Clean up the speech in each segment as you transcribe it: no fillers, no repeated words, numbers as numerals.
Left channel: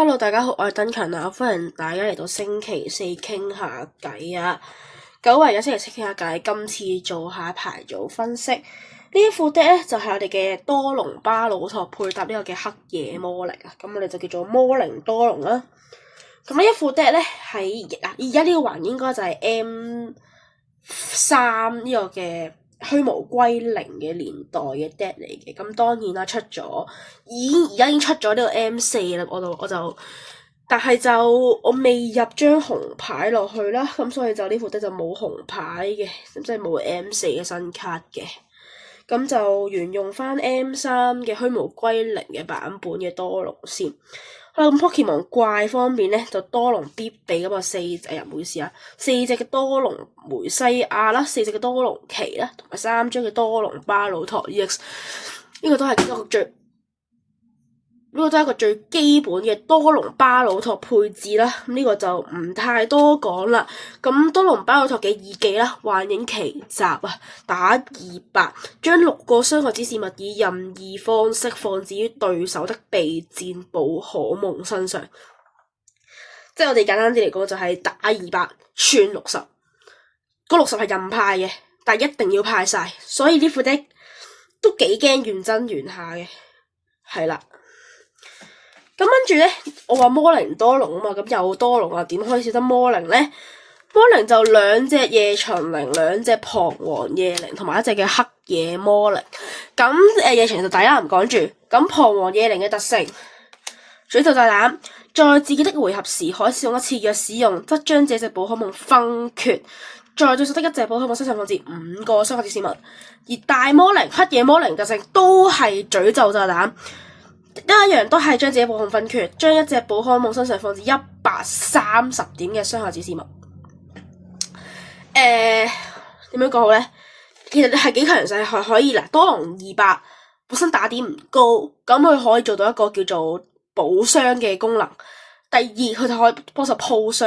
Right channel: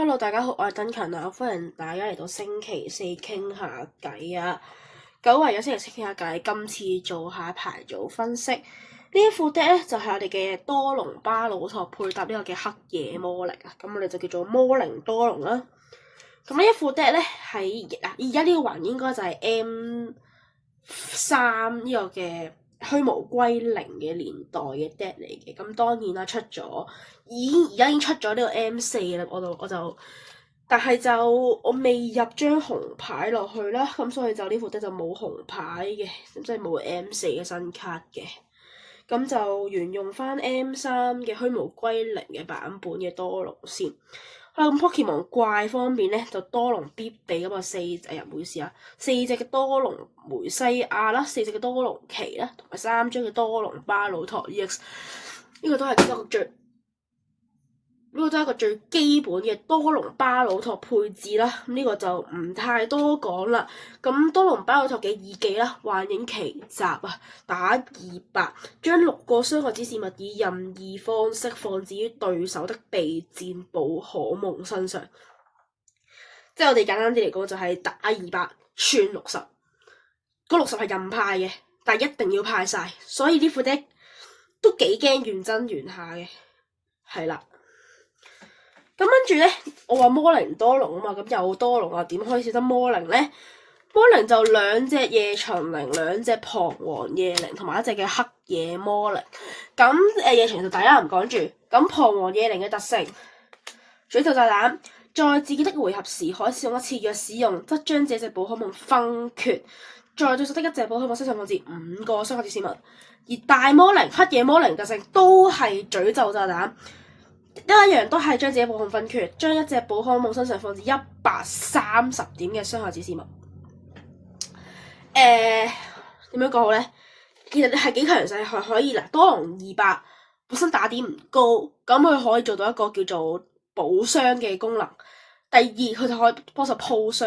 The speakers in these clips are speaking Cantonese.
Hello，大家好，我係登勤啊，歡迎大家嚟到星期四傾下偈啊。久違嘅星期四傾下偈，今次做下牌組分析。呢一副 deck 咧就係我哋嘅多龍巴魯托配搭呢個嘅黑夜魔靈啊，咁我哋就叫做魔靈多龍啦。咁呢一副 deck 咧喺而家呢個環應該就係 M3呢個嘅虛無歸零嘅年代嘅 deck 嚟嘅，咁當然啦，而家已經出咗呢個 M4 啦，但係就我未入張紅牌落去啦，咁所以就呢副 deck 就冇紅牌嘅，咁即係冇 M4 嘅新卡嘅，咁就沿用翻 M3 嘅虛無歸零嘅版本嘅多龍先。咁 Pokemon 怪方面咧，就多龍必備咁啊4隻嘅多龍梅西亞啦，4隻嘅多龍旗啦，同埋3張嘅多龍巴魯托 EX， 呢個都係一個最基本嘅多龍巴魯托配置啦。咁呢個就唔太多講啦。咁多龍巴魯托嘅二技啦，幻影奇襲啊，打200，將6個傷害指示物以任意方式放置於對手的備戰寶可夢身上。即係我哋簡單啲嚟講，就係打200串60，嗰60係任派嘅，但係一定要派晒。所以呢副 deck 都幾驚原真原下嘅，係啦。咁跟住咧，我話魔靈多龍啊嘛，咁有多龍啊，點可以少得魔靈咧？魔靈就2隻夜巡靈，2隻彷徨夜靈，同埋1隻嘅黑夜魔靈。咁夜巡就大家唔講住。咁彷徨夜靈嘅特性，詛咒炸彈，在自己的回合時可使用一次，若使用則將這隻寶可夢分缺，在對手的1隻寶可夢身上放置5個傷害指示物。而大魔靈、黑夜魔靈特性都係詛咒炸彈。一樣都係將自己寶可夢分缺，將1隻寶可夢身上放置130點嘅傷害指示物。點樣講好咧？其實係幾強勢，係可以嗱，多龍200本身打點唔高，咁佢可以做到一個叫做補傷嘅功能。第二，佢就可以幫手鋪傷。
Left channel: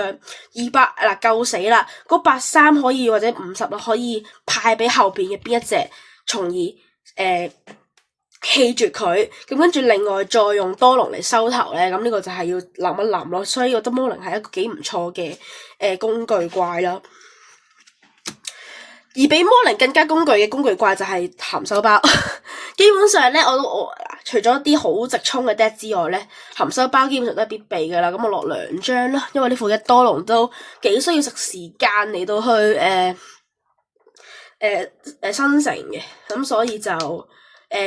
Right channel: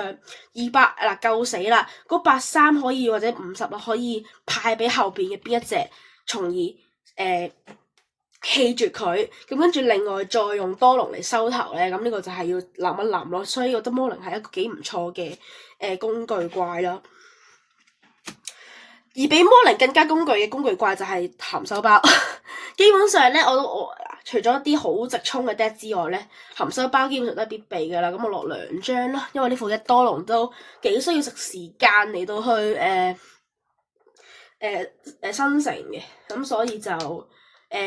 200嗱夠死啦，嗰83可以或者50可以派俾後邊嘅邊一隻，從而棄絕佢，咁跟住另外再用多龍嚟收頭咧，咁呢個就係要諗一諗咯。所以我覺得魔靈係一個幾唔錯嘅工具怪啦。而比魔靈更加工具嘅工具怪就係含收包。基本上咧，我除咗啲好直衝嘅 deck 之外咧，含收包基本上都係必備噶啦。咁我落2張啦，因為呢副一多龍都幾需要食時間嚟到去生成嘅，咁所以就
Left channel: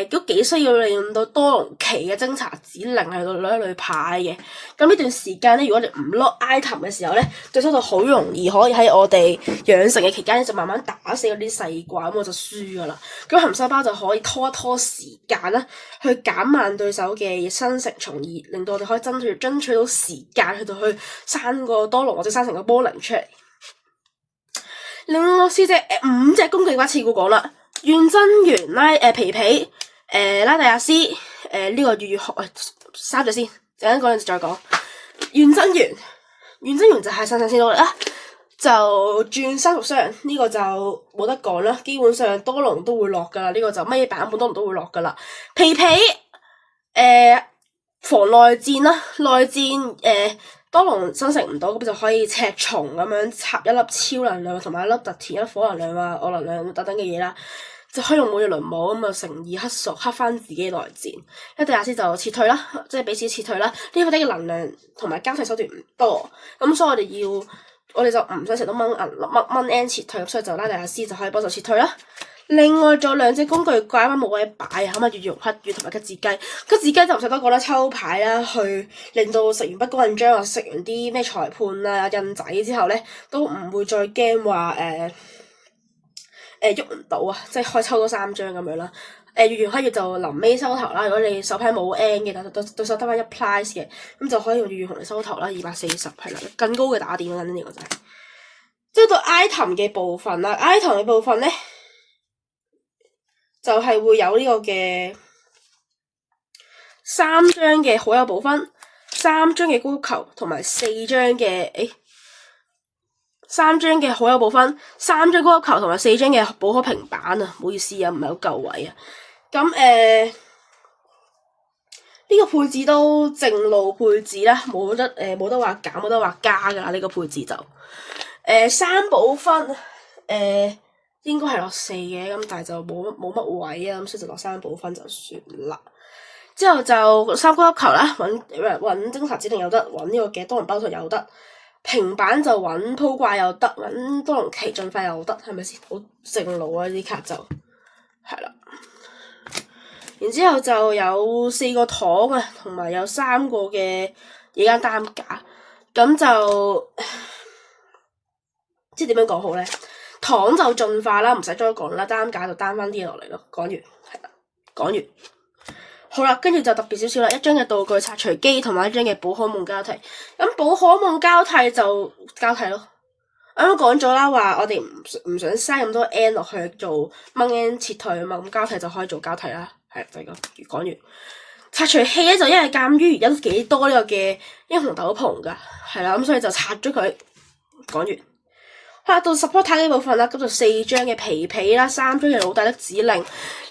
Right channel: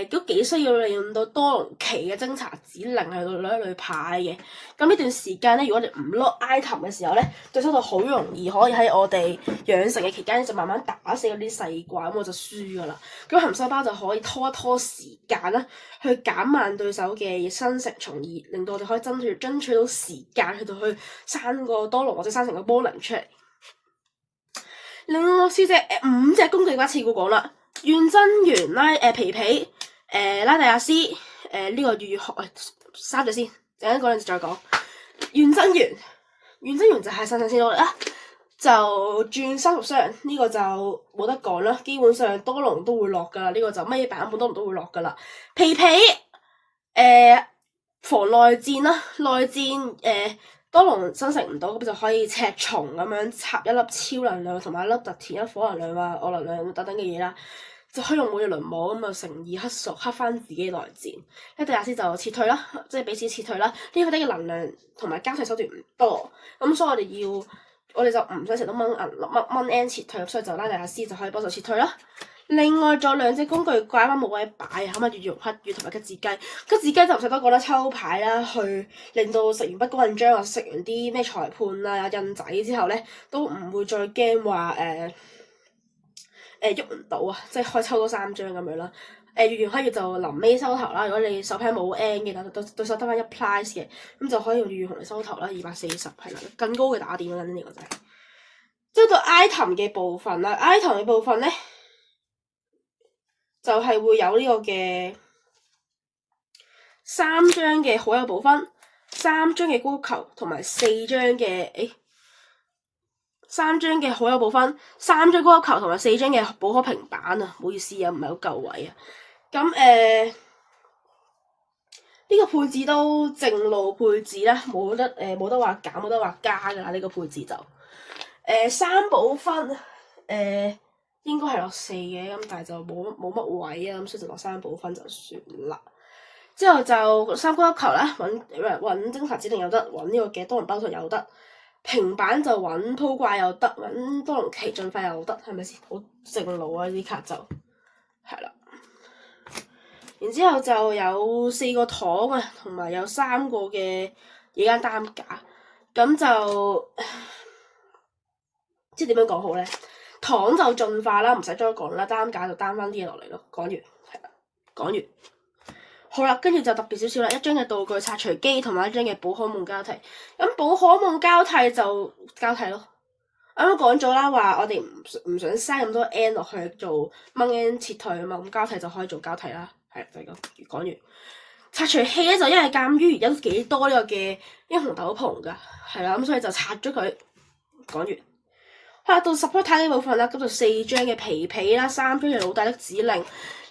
都幾需要利用到多龍旗嘅偵查指令喺度攞一類牌嘅。咁呢段時間咧，如果你唔 lock item 嘅時候咧，對手就好容易可以喺我哋養成嘅期間咧，就慢慢打死嗰啲細怪，咁我就輸噶啦。咁含收包就可以拖一拖時間啦，去減慢對手嘅生成，從而令到我哋可以爭取到時間去到去生個多龍或者生成個魔靈出嚟。另外5隻工具怪次過講啦。怨真猿皮皮拉蒂亞斯呢個月學3隻先，陣間嗰陣時再講。怨真猿就係上先努力啦，就轉3屬傷，呢個就冇得講啦。基本上多龍都會落噶啦，呢個就乜嘢版本多龍都會落噶啦。皮皮防內戰啦，內戰多龍生成唔到，咁就可以赤蟲咁樣插1粒超能量同埋1粒特田、1粒火能量啊、我能量等等嘅嘢啦，就可以用每日輪舞咁啊，乘2黑索黑翻自己內戰。一迪亞斯就撤退啦，即係彼此撤退啦。呢個啲嘅能量同埋交替手段唔多，咁所以我哋就唔使成日都掹 N 撤退，所以就拉蒂亞斯就可以幫手撤退啦。另外仲有2隻工具怪翻冇位擺啊，咁啊月容黑月同埋吉字雞，吉字雞就唔使多講啦，抽牌啦，去令到食完不公印章啊，食完啲咩裁判啊印仔之後咧，都唔會再驚話喐唔到啊，即係可以抽多3張咁樣啦。月容黑月就臨尾收頭啦，如果你手牌冇 N 嘅，對手得翻1 price 嘅，咁就可以用月容嚟收頭啦，240係啦，更高嘅打點啦，呢個就係。即係到 item 嘅部分啦 ，item 嘅部分咧。就係會有呢個嘅3張嘅好友寶分，3張嘅高球同埋4張嘅3張嘅好友寶分，3張高球同埋4張嘅寶可平板啊，唔好意思啊，唔係好夠位啊。咁呢個個配置都正路配置啦，冇得話減，冇得話加㗎啦，呢個配置就3寶分應該係落4嘅，咁但係就冇乜位啊，咁所以就落3寶分就算啦。之後就3高粒球啦，揾偵察指令有得，揾呢個嘅多龍包套有得，平板就揾鋪掛又得，揾多龍旗進化又得，係咪先？好正路啊！呢啲卡就係啦。然之後就有4個糖啊，同埋有3個嘅野間擔架，咁就即係點樣講好咧？糖就進化啦，唔使再講啦，擔架就擔翻啲嘢落嚟咯。講完係啦，講完。好啦，跟住就特別少少啦，一張嘅道具拆除機同埋一張嘅寶可夢交替。咁寶可夢交替就交替咯。啱啱講咗啦，話我哋唔想嘥咁多 N 落去做掹 N 撤退啊嘛，咁交替就可以做交替啦。係就係咁，講完。拆除器咧就因為鑑於而家都幾多呢個嘅英雄斗篷㗎，係啦，咁所以就拆咗佢。講完。好啦，到 supporter 呢部分啦，咁就4張嘅皮皮啦，3張嘅老大的指令，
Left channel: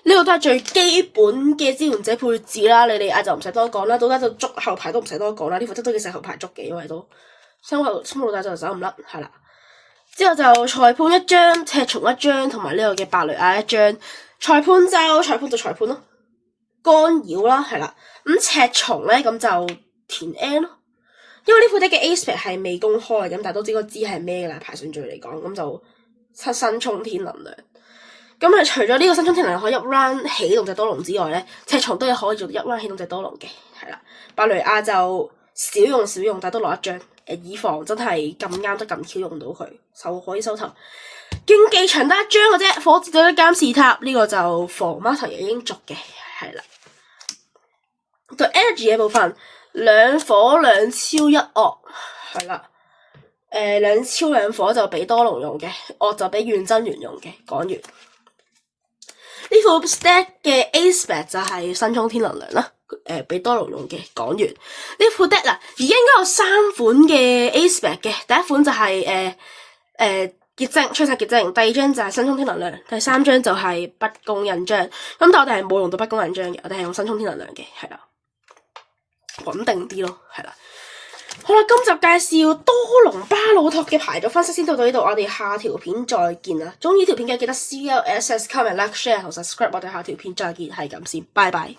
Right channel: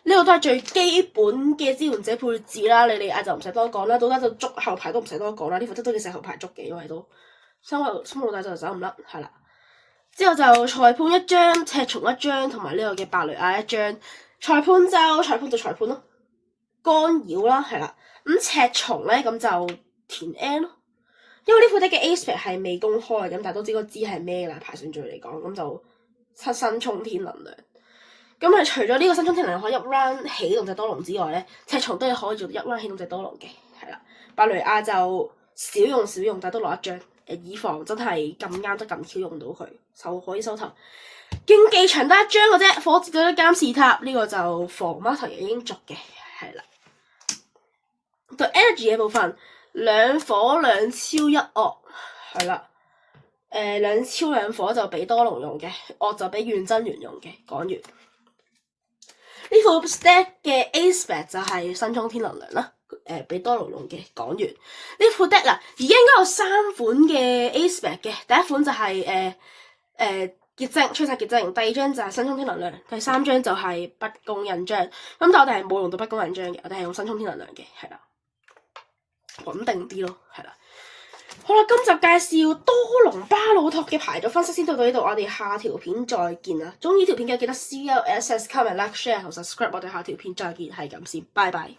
呢個都係最基本嘅支援者配置啦。你哋就唔使多講啦，到家就捉後排都唔使多講啦，呢副都幾適合後排捉嘅，因為都三老大就走唔甩，係啦。之後就裁判1張，赤松1張，同埋呢個嘅白雷亞1張。裁判就裁判咯，干擾啦，係啦。咁赤松咧咁就填 N 咯。因為呢副 deck 嘅 A-spec 係未公開咁，但係都知係咩㗎啦。排順序嚟講，咁就新沖天能量。咁啊，除咗呢個新沖天能量可以一 round 起動隻多龍之外咧，赤松都係可以做一 round 起動隻多龍嘅，係啦。白雷亞就少用，但係都攞1張，以防真係咁啱得咁巧用到佢，就可以收頭。競技場得1張嘅啫，火箭隊嘅監視塔呢個就防 Master 已經續嘅，係啦。對 energy 嘅部分。2火2超1惡，係啦。2超2火就俾多龍用嘅，惡就俾遠真元用嘅。講完。呢副 stack 嘅 A-spec 就係新沖天能量啦，俾多龍用嘅。講完。呢副 deck 啊，而家應該有3款嘅 A-spec 嘅，第一款就係結晶吹殺結晶，第2張就係新沖天能量，第3張就係不公印章。咁但我哋係冇用到不公印章嘅，我哋係用新沖天能量嘅，係啦。穩定啲咯，係啦。好啦，今集介紹多龍巴魯托嘅牌組分析先到呢度，我哋下條片再見啦。鍾意條片嘅記得 CLSS comment like share 同 subscribe，我哋下條片再見，係咁先，拜拜。